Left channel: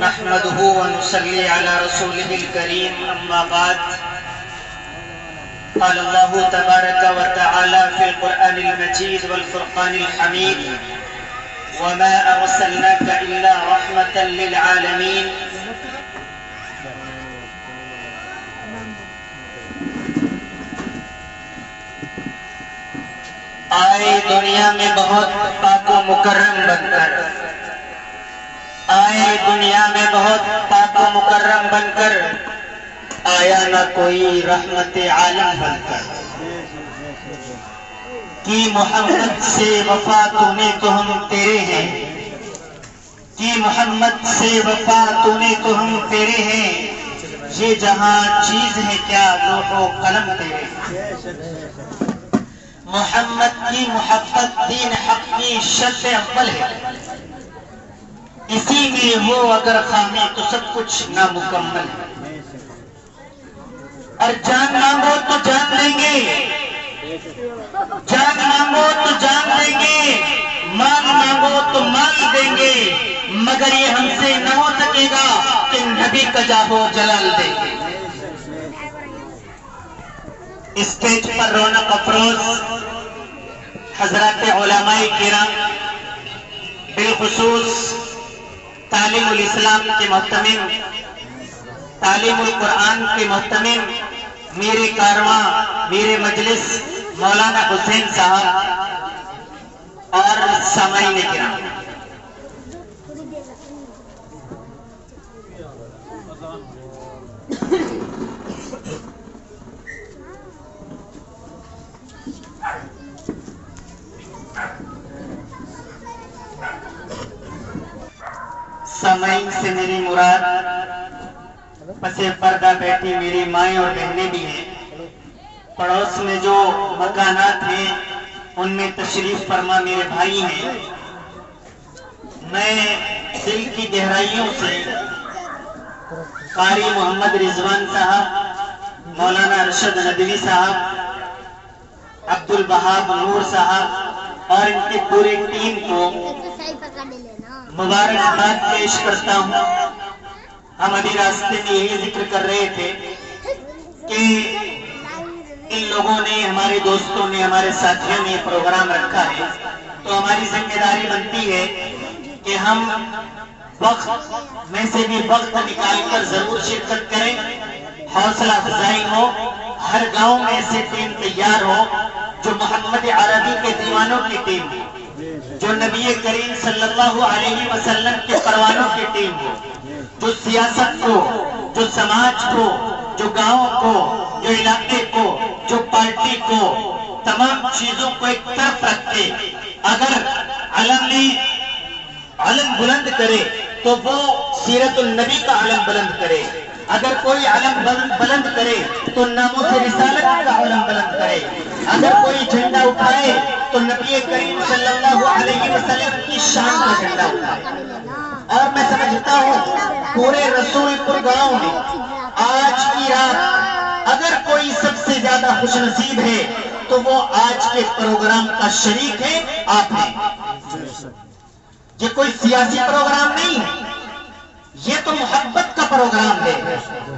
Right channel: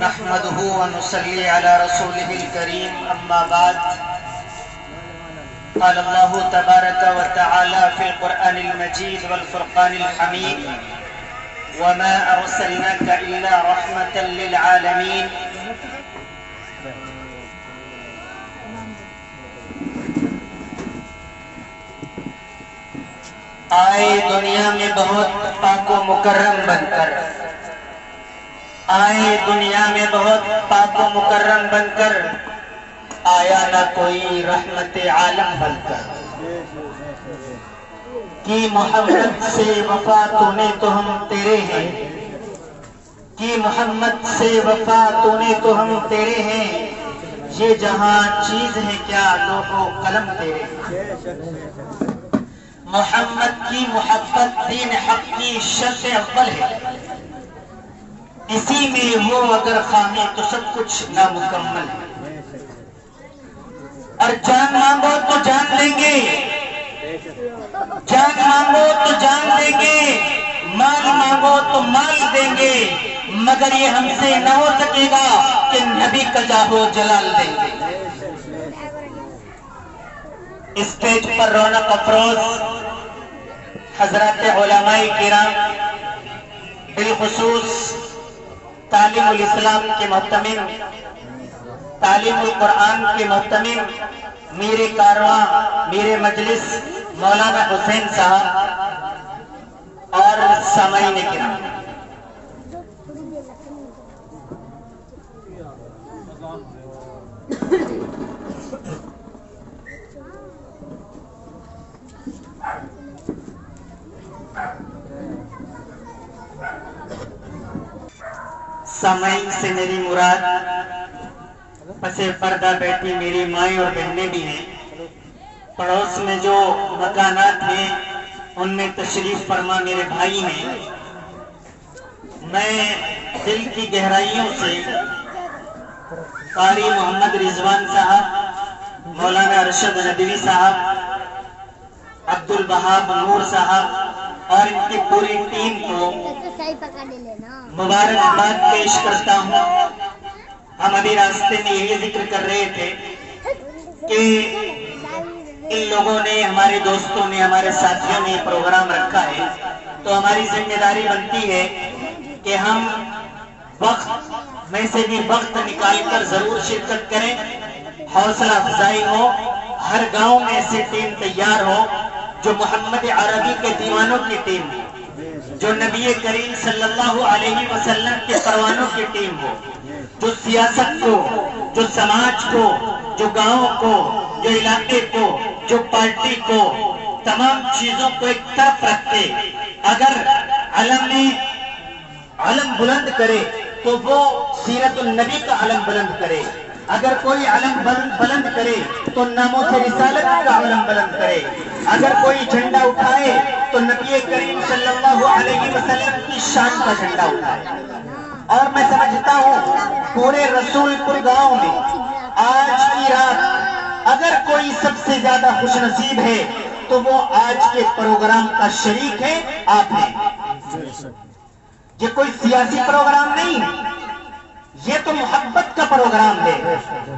نحمده ونصلي على رسوله الكريم أما بعد قال الله تبارك وتعالى في القرآن المجيد والفرقان الحميد وما أرسلناك إلا رحمة للعالمين آئے دنیا میں بہت پاک و مکرم بن کر، آئے دنیا میں بہت پاک و مکرم بن کر، آیا نہ کوئی رحمت عالم بن کر۔ کی محمد سے وفا تو نے تو ہم تیرے ہیں، کی محمد سے وفا تو نے تو ہم تیرے ہیں، یہ جہاں چیز ہے کیا لوح و قلم تیرے ہیں۔ محمد کی محبت دین حق کی شرط اول ہے، اسی میں ہو اگر خامی تو سب کچھ نامکمل ہے۔ اور جان مانگو تو جان دیں گے، جان مانگو تو جان دیں گے، مال مانگو تو مال دیں گے، مگر یہ ہم سے نہ ہو سکے گا کہ نبی کا جاہو جلال دیں گے۔ اسٹیج پر رونق افروز حضرات علماء کرام، بالخصوص تعلیم الاسلام کے محتمم، تعلیم القرآن کے محتمم، میرے کارواں، میرے مجلس مولانا حسین صاحب اور سامعین کرام، سامعین سے میری مراد پس پردہ بیٹھی میری مائیں اور بہنیں بھی ہیں، پڑوس میں جو مکانات ہیں ان میں تشریف فرما میرے بھائی ہیں۔ میں دل کی گہرائیوں سے قاری محمد رضوان صاحب، مولانا ارشد ندوی صاحب، عبدالوہاب نور صاحب اور ان کی پوری ٹیم کو مبارکباد پیش کرتا ہوں۔ ہم ابھی راستے میں یہی ذکر کر رہے تھے کہ ان لوگوں نے، ہمارے دوستوں نے، ہمارے ساتھیوں نے یہ پروگرام رکھا ہے تو ہماری ذمہ داری بنتی ہے کہ ہم وقت میں سے بھی وقت نکال کر ضرور شرکت کریں، حوصلہ افزائی ہو، ہر گاؤں میں ایسی ٹیم تیار ہو جو محمد عربی کے دیوانوں کی ٹیم ہو، جو نبی کریم صلی اللہ علیہ وسلم کے پروانوں کی ٹیم ہو، جو سیاست کو، جو سماج کو، جو گاؤں کو، جو علاقے کو، جو پارٹی کو، تمام چیزوں کو ایک طرف رکھ کے اگر علم نے علم بلند کرے تو وہ سیرت النبی کا علم بلند کرے، اگر کوئی علم بلند کرے تو ناموس رسالت کا علم بلند کرے، اگر کوئی جھنڈا اٹھائے تو نبی کریم صلی اللہ علیہ وسلم کی شان کا جھنڈا اٹھائے۔ اور میں سمجھتا ہوں پورے رسول پور گاؤں میں آج کی رات اگر کوئی سب سے زیادہ خوش نصیب ہے تو وہ آج کے پروگرام کا شریک ہے، آپ ہیں۔ یہ کوئی سیاسی پروگرام نہیں ہے، یہ تو محبت کا پروگرام ہے،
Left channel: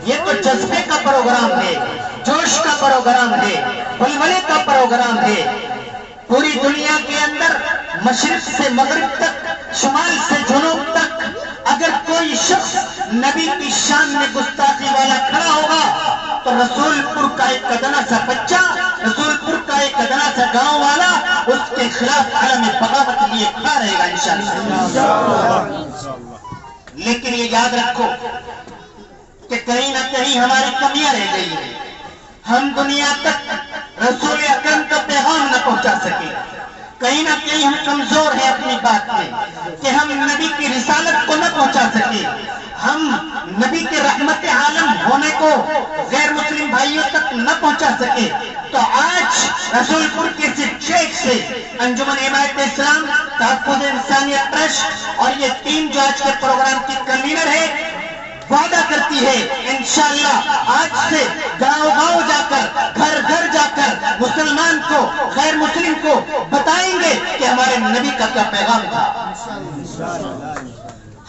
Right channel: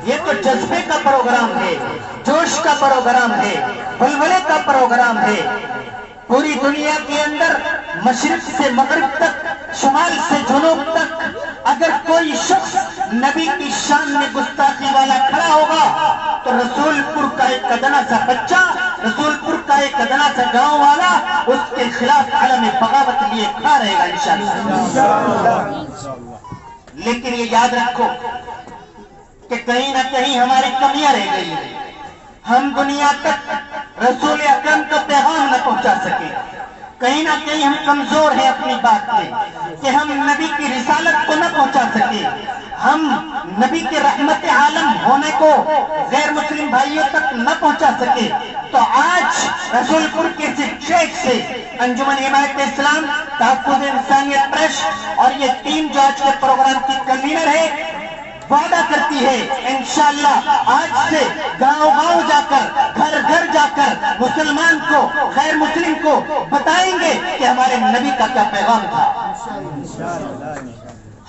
یہ تو جذبے کا پروگرام ہے، جوش کا پروگرام ہے، ولولے کا پروگرام ہے۔ پوری دنیا کے اندر مشرق سے مغرب تک، شمال سے جنوب تک اگر کوئی شخص نبی کی شان میں گستاخی والا کھڑا ہوگا تو رسول پور کا ایک ادنا سا بچہ، رسول پور کا ایک ادنا سا گاؤں والا اس کے خلاف علم بغاوت لیے کھڑا رہے گا انشاءاللہ۔ لیکن یہ یاد رکھو کہ کہیں نہ کہیں ہماری کمیاں رہ گئی ہیں، ہم دنیا تک رسول اکرم کا پیغام نہ پہنچا سکے، کہیں نہ کہیں ہم کمزور ہیں اپنی بات میں کہ ہم نبی کی رسالت کو نہ پہنچا سکے، ہم نبی کے رحمت عالم ہونے کو غیر مسلم بھائیوں تک نہ پہنچا سکے۔ تو آج رسول پور کے اسٹیج سے انجمن حمایت اسلام، تحفظ انسانیت ٹرسٹ اور یہ ٹیم جو آج کے پروگرام کی کنوینر ہے، وعدہ کرتی ہے انشاءاللہ آج سے گاؤں گاؤں جا کر گھر گھر جا کر مسلمان کو غیر مسلم کو بتائیں گے کہ ہمارے نبی کا کیا پیغام تھا۔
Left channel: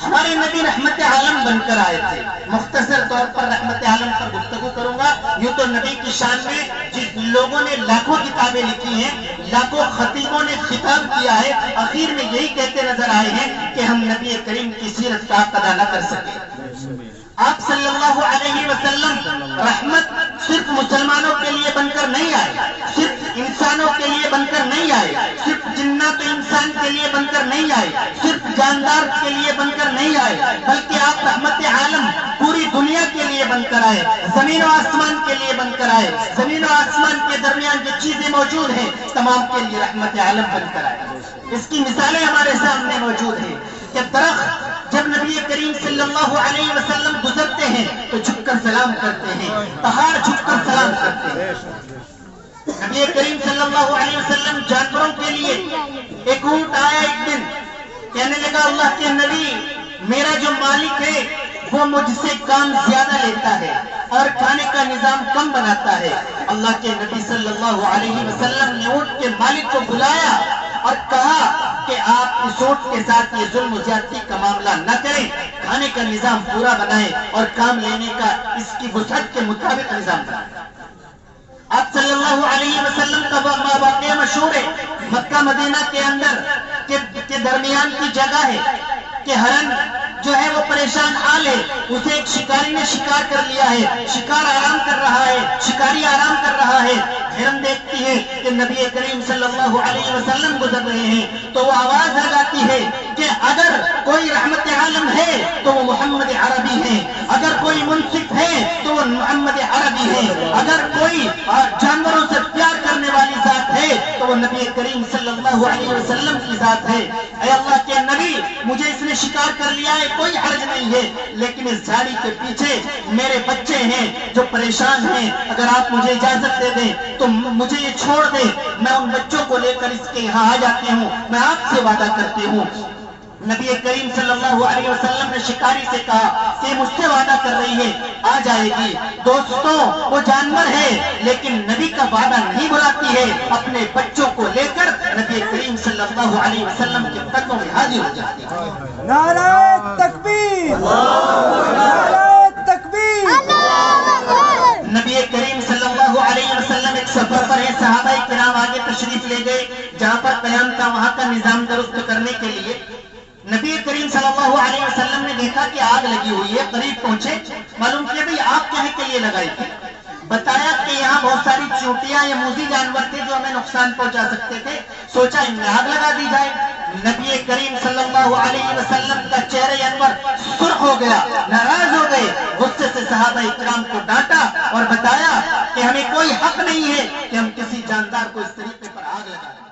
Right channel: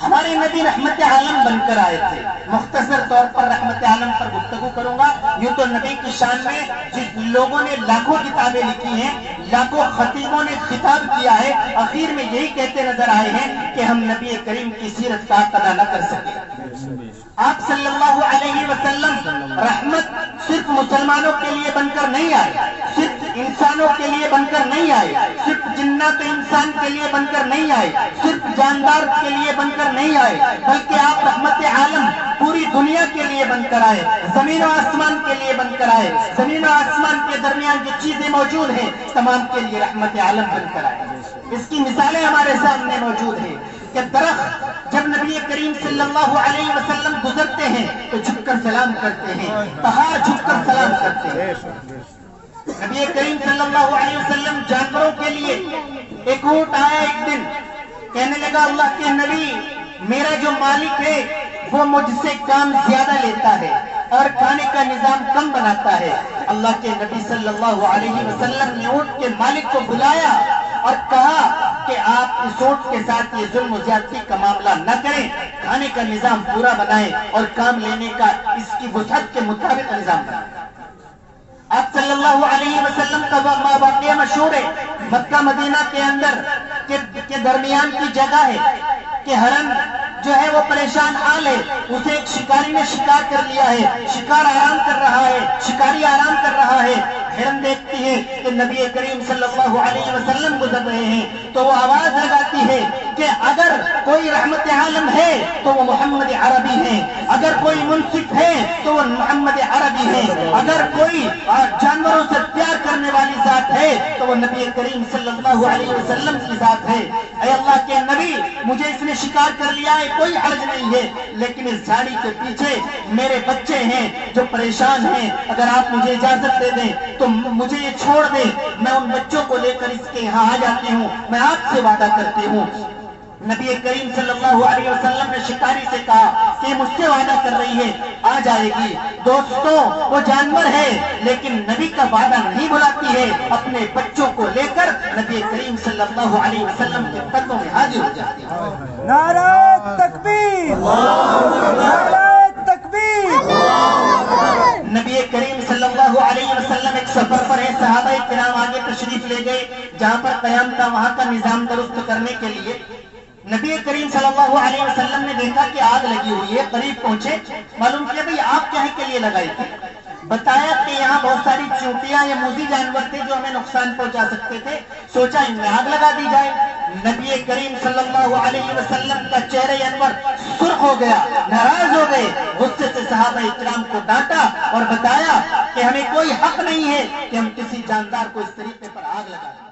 ہمارے نبی رحمت عالم بن کر آئے تھے۔ مختصر طور پر رحمت عالم پر گفتگو کروں گا۔ یوں تو نبی کی شان میں جس لوگوں نے لاکھوں کتابیں لکھی ہیں، لاکھوں خطیبوں نے خطاب کیا ہے، آخر میں یہی کہتے نظر آئے ہیں کہ ہم نبی کریم کی سیرت کا حق ادا نہ کر سکے۔ آپ صلی اللہ علیہ وسلم رحمت صرف مسلمانوں کے لیے بن کر نہیں آئے، صرف انسانوں کے لیے بن کر نہیں آئے، صرف جنات انسان کے لیے بن کر نہیں آئے، صرف جاندار کے لیے بن کر نہیں آئے، بلکہ آپ رحمت عالم پوری دنیا کے لیے بن کر آئے، زمین و آسمان کے لیے بن کر آئے، زمین و آسمان کے درمیان جو چیزیں موجود ہیں تمام کے لیے رحمت عالم بن کر آئے۔ اس کی مثالیں ہمارے سامنے موجود ہیں کہ درخت جب نبی کریم صلی اللہ علیہ وسلم گزرتے ہیں تو جھک کر سلام کرتے ہیں، پہاڑ جھک کر سلام کرتے ہیں۔ نبی کریم صلی اللہ علیہ وسلم جانوروں کے لیے ایک اونٹ آیا ایک دن، کہنے لگا اللہ کے نبی میرا جو مالک ہے وہ مجھ سے کام زیادہ لیتا ہے اور کھانے کا نظام کم بناتا ہے۔ اللہ کے نبی صلی اللہ علیہ وسلم نے اونٹ کے مالک کو بلایا اور کہا کہ آپ اس اونٹ کے ساتھ یہ ظلم و زیادتی کا معاملہ نہ کریں، کھانے کا نظام پورا بنائیں اور کام لینے کا اس کی وسعت کے مطابق نظام بنائیں۔ آپ صلی اللہ علیہ وسلم کا واقعہ مشہور ہے، مکہ مدینہ کے اندر کے درمیان کی جگہ ہے کہ ہرن جو ہے وہ پریشان حال ہے، اسے ایک شکاری نے شکار کر لیا ہے، شکار آرام کر رہا ہے، شکاری آرام کر رہا ہے، ہرن دیکھتی ہے کہ نبی کریم صلی اللہ علیہ وسلم گزر رہے ہیں تو وہ آواز لگاتی ہے کہ اگر کوئی رحمت عالم ہے تو وہ محمد عربی ہے، اگر کوئی منصف ہے تو وہ محمد عربی ہے، اگر کوئی جانوروں سے پیار کرنے والی ذات ہے تو وہ نبی کریم صلی اللہ علیہ وسلم کی ذات ہے۔ اے اللہ کے نبی مجھے اس نے شکار کر لیا ہے، کوئی حرج نہیں ہے، لیکن اس جھاڑی کے پیچھے میرے بچے ہیں جو پریشان ہیں، اگر آپ مجھے اجازت دے دیں تو مجھے یہ چھوڑ دیں، میں ان بچوں کو لے کر اس کے یہاں آ جاتی ہوں، میں آپ سے وعدہ کرتی ہوں۔ نبی کریم صلی اللہ علیہ وسلم نے شکاری سے کہا کہ مجھ سے وعدہ کر رہی ہے آ جائے گی۔ دوستوں وہ جانور ہے لیکن نبی کا وعدہ نہیں بھلاتی ہے، اپنے بچوں کو لے کر نبی کریم صلی اللہ علیہ وسلم کے قدموں میں حاضر ہو جاتی ہے۔ نعرہ تکبیر، نعرہ تکبیر۔ نبی کریم صلی اللہ علیہ وسلم ایک سفر پر ہے، صحابہ کرام آگے تشریف لے گئے، جہاں پر قیام تھا وہاں کا نظام درست کرنے کے لیے نبی کریم صلی اللہ علیہ وسلم نے دیکھا کہ آگ لگی ہوئی ہے، قریب پہنچے، معلوم کیا بھئی آگ کہنے کے لیے لگائی تھی؟ بتایا کہ یہاں بہت ساری چونٹیاں یا موذی جانور تھے جو ہمیں نقصان پہنچا سکتے تھے، سوچا ان میں آگ لگا دی جائے۔ نبی کریم صلی اللہ علیہ وسلم کا چہرہ انور سرخ ہو گیا، ناراض ہو گئے، غصے سے صحابہ اکرام کو ڈانٹا اور بتایا کہ ہمیں کوئی حق نہیں ہے کہ ہم کسی جاندار کو اس طریقے پر آگ لگا دیں۔